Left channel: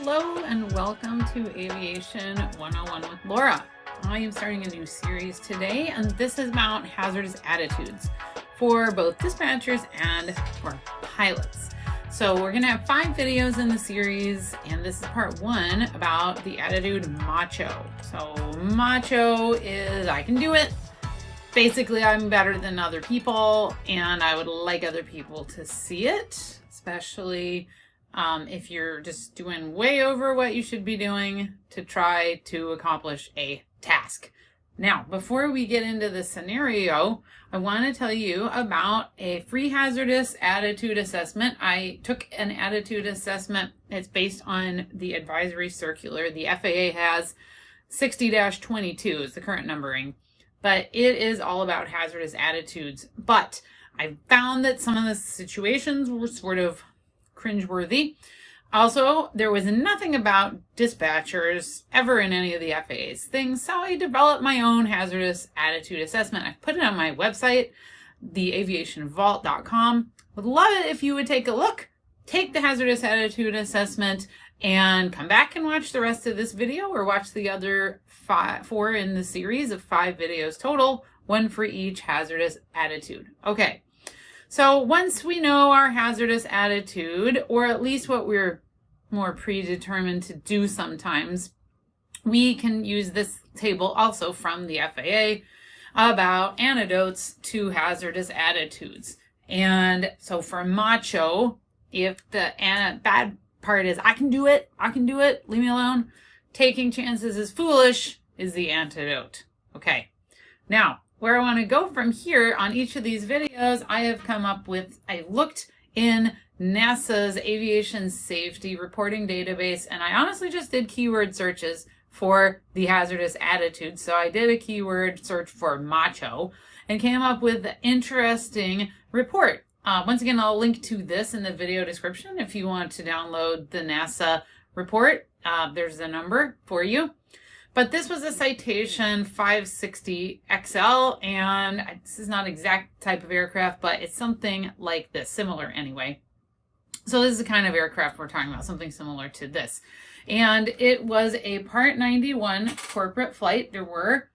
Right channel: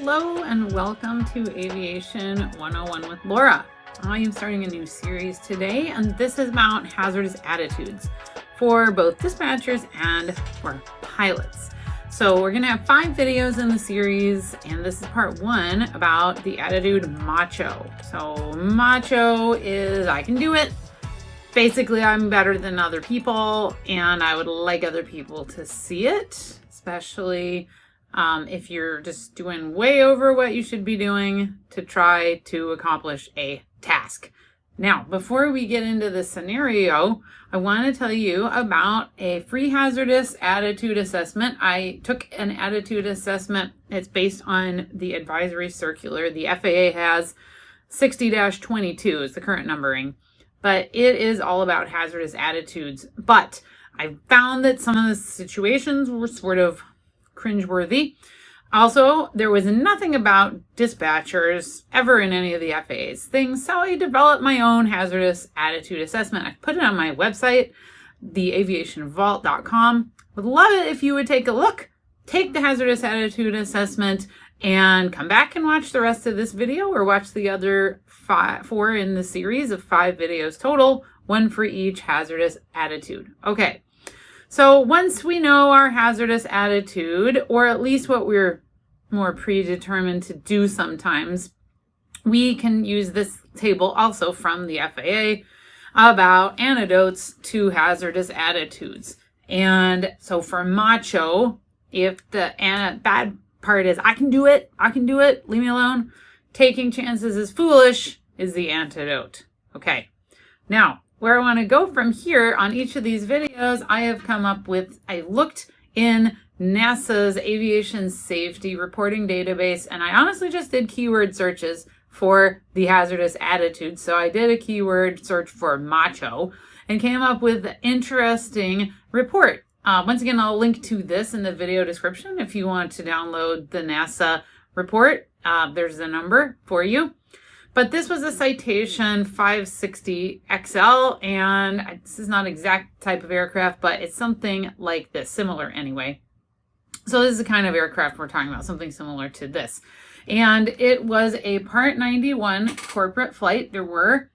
Hello and welcome to Aviation 101 with Laura. I am starting a new series today, and this is about hazardous attitudes for both dispatchers and for pilots. So we're going to have 5 videos in the series, and this is part 1 about the attitude Macho. So Macho is I can do it. Basically, I'm better than other people, and I would like other people to see it, especially if you're just doing way over what you should be doing to try to accomplish a task. Now, before we get into the scenario, I want to tell you about a free hazardous attitude assessment. I took an attitude assessment. It's based on the advisory circular. The FAA has 60-22 is the current numbering, but it is all about hazardous attitudes. But I found that some of the situations were sort of cringeworthy. Also, there was nothing about dispatchers ever in any of the FAA's things, so I developed my own hazardous attitude assessment. I put it on my website, theaviationvault.com. Would love it if you would take a look, take the hazardous attitude assessment, and come back and watch the rest of this video, or watch the other 4 in the series of 5 videos total, 1 for each hazardous attitude. Okay. So once we know our hazardous attitude, or at least what we're more predetermined to do sometimes, we can use this table also from the FAA about antidotes to hazardous attitudes. And so for Macho, if the bad part is I can do it, leave me alone, taking chances is foolish is the antidote. Okay, now where I want to go from here on each of these videos, I have come up with, I looked in NASA's aviation safety reporting database, and I honestly just did keyword searches for the hazardous attitude. So I did a keyword search for Macho and came up with an interesting report. Once again, I'll link to this in the video description if you want to download the NASA report. There's the number for you. But this was a Citation 560 XL, and this is not an exact type of aircraft, but it's something like this, similar anyway. So this is the kind of aircraft we're talking about, something similar to this. And it was a Part 91 corporate flight. There were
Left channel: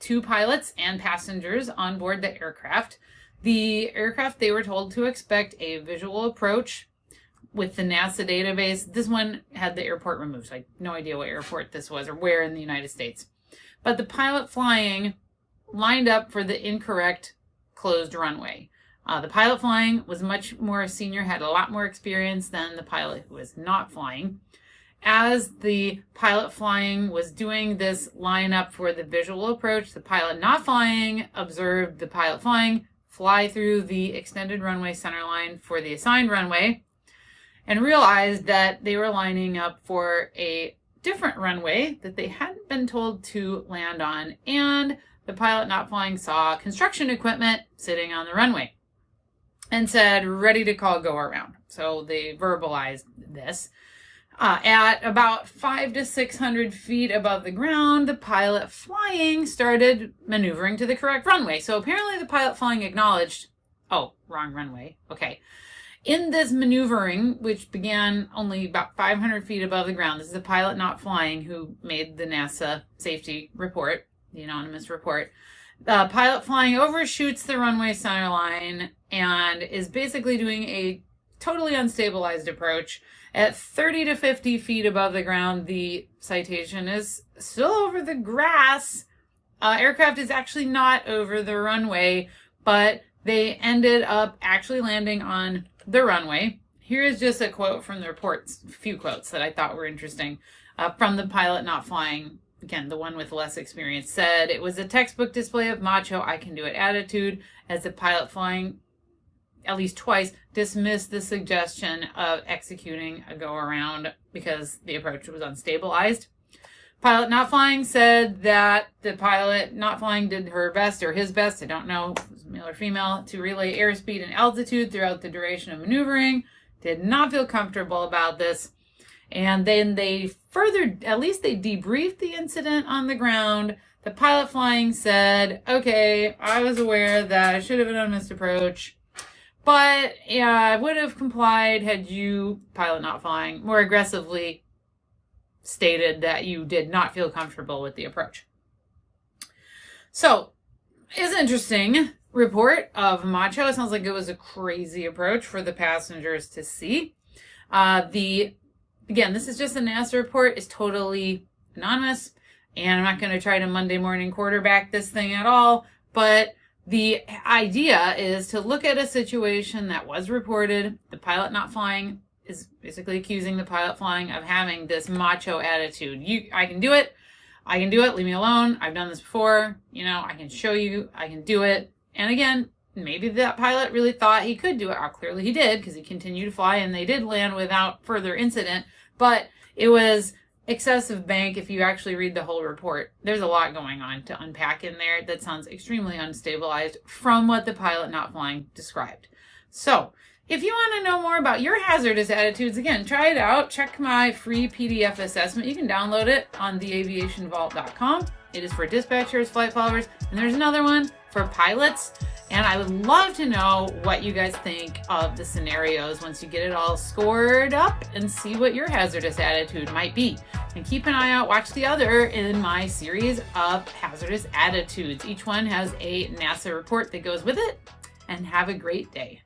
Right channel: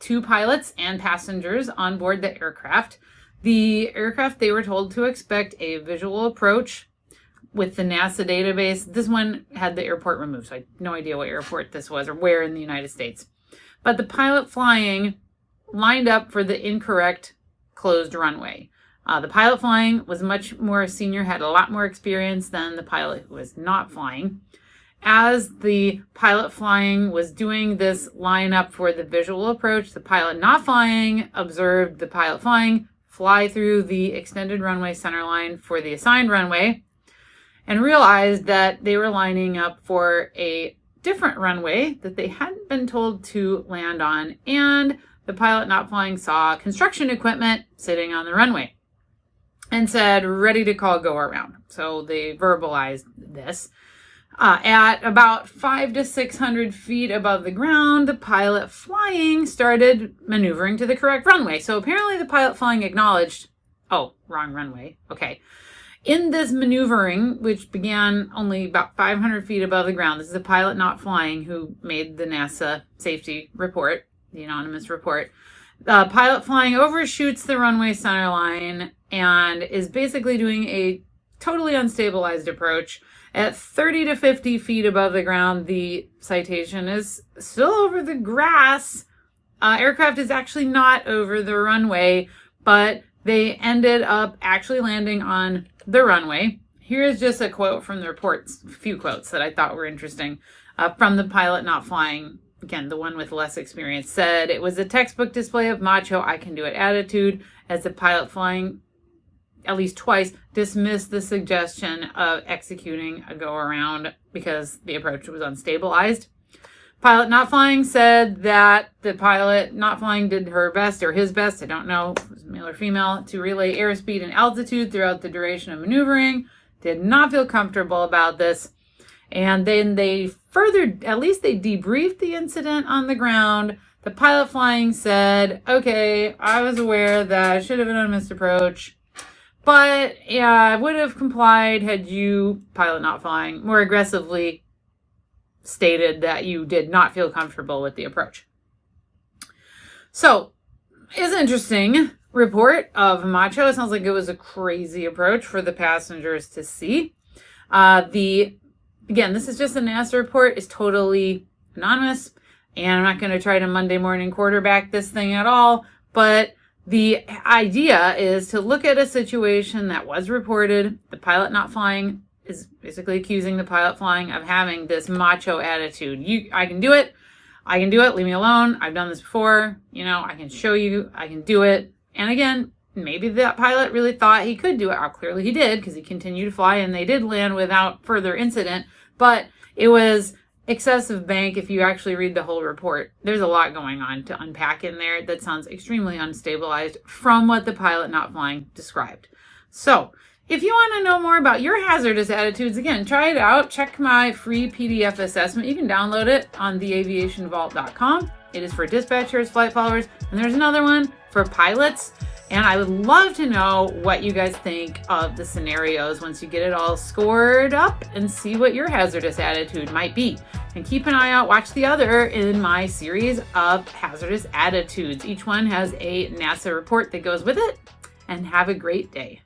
2 pilots and passengers on board the aircraft. The aircraft, they were told to expect a visual approach with the NASA database. This one had the airport removed, so I had no idea what airport this was or where in the United States. But the pilot flying lined up for the incorrect closed runway. The pilot flying was much more senior, had a lot more experience than the pilot who was not flying. As the pilot flying was doing this line up for the visual approach, the pilot not flying observed the pilot flying fly through the extended runway center line for the assigned runway, and realized that they were lining up for a different runway that they hadn't been told to land on, and the pilot not flying saw construction equipment sitting on the runway and said, ready to call go around. So they verbalized this. At about 500 to 600 feet above the ground, the pilot flying started maneuvering to the correct runway. So apparently the pilot flying acknowledged, oh, wrong runway. Okay. In this maneuvering, which began only about 500 feet above the ground, this is the pilot not flying who made the NASA safety report, the anonymous report. The pilot flying overshoots the runway center line and is basically doing a totally unstabilized approach. At 30 to 50 feet above the ground, the Citation is still over the grass. Aircraft is actually not over the runway, but they ended up actually landing on the runway. Here is just a quote from the reports, a few quotes that I thought were interesting from the pilot not flying. Again, the one with less experience said, it was a textbook display of Macho, I can do it attitude, as the pilot flying at least twice dismissed the suggestion of executing a go around because the approach was unstabilized. Pilot not flying said that the pilot not flying did her best or his best, I don't know, if it was male or female, to relay airspeed and altitude throughout the duration of maneuvering. Did not feel comfortable about this. And then they further, at least they debriefed the incident on the ground. The pilot flying said, okay, I was aware that I should have been on a missed approach. But yeah, I would have complied had you, pilot not flying, more aggressively stated that you did not feel comfortable with the approach. So, it's an interesting report of Macho. It sounds like it was a crazy approach for the passengers to see. Again, this is just a NASA report. It's totally anonymous, and I'm not going to try to Monday morning quarterback this thing at all, but the idea is to look at a situation that was reported. The pilot not flying is basically accusing the pilot flying of having this macho attitude. I can do it. I can do it. Leave me alone. I've done this before. You know, I can show you. I can do it. And again, maybe that pilot really thought he could do it. Clearly he did, because he continued to fly and they did land without further incident. But it was excessive bank. If you actually read the whole report, there's a lot going on to unpack in there that sounds extremely unstabilized from what the pilot not flying described. So if you want to know more about your hazardous attitudes, again, try it out. Check my free PDF assessment. You can download it on theaviationvault.com. It is for dispatchers, flight followers, and there's another one for pilots. And I would love to know what you guys think of the scenarios once you get it all scored up and see what your hazardous attitude might be. And keep an eye out, watch the other in my series of hazardous attitudes. Each one has a NASA report that goes with it. And have a great day.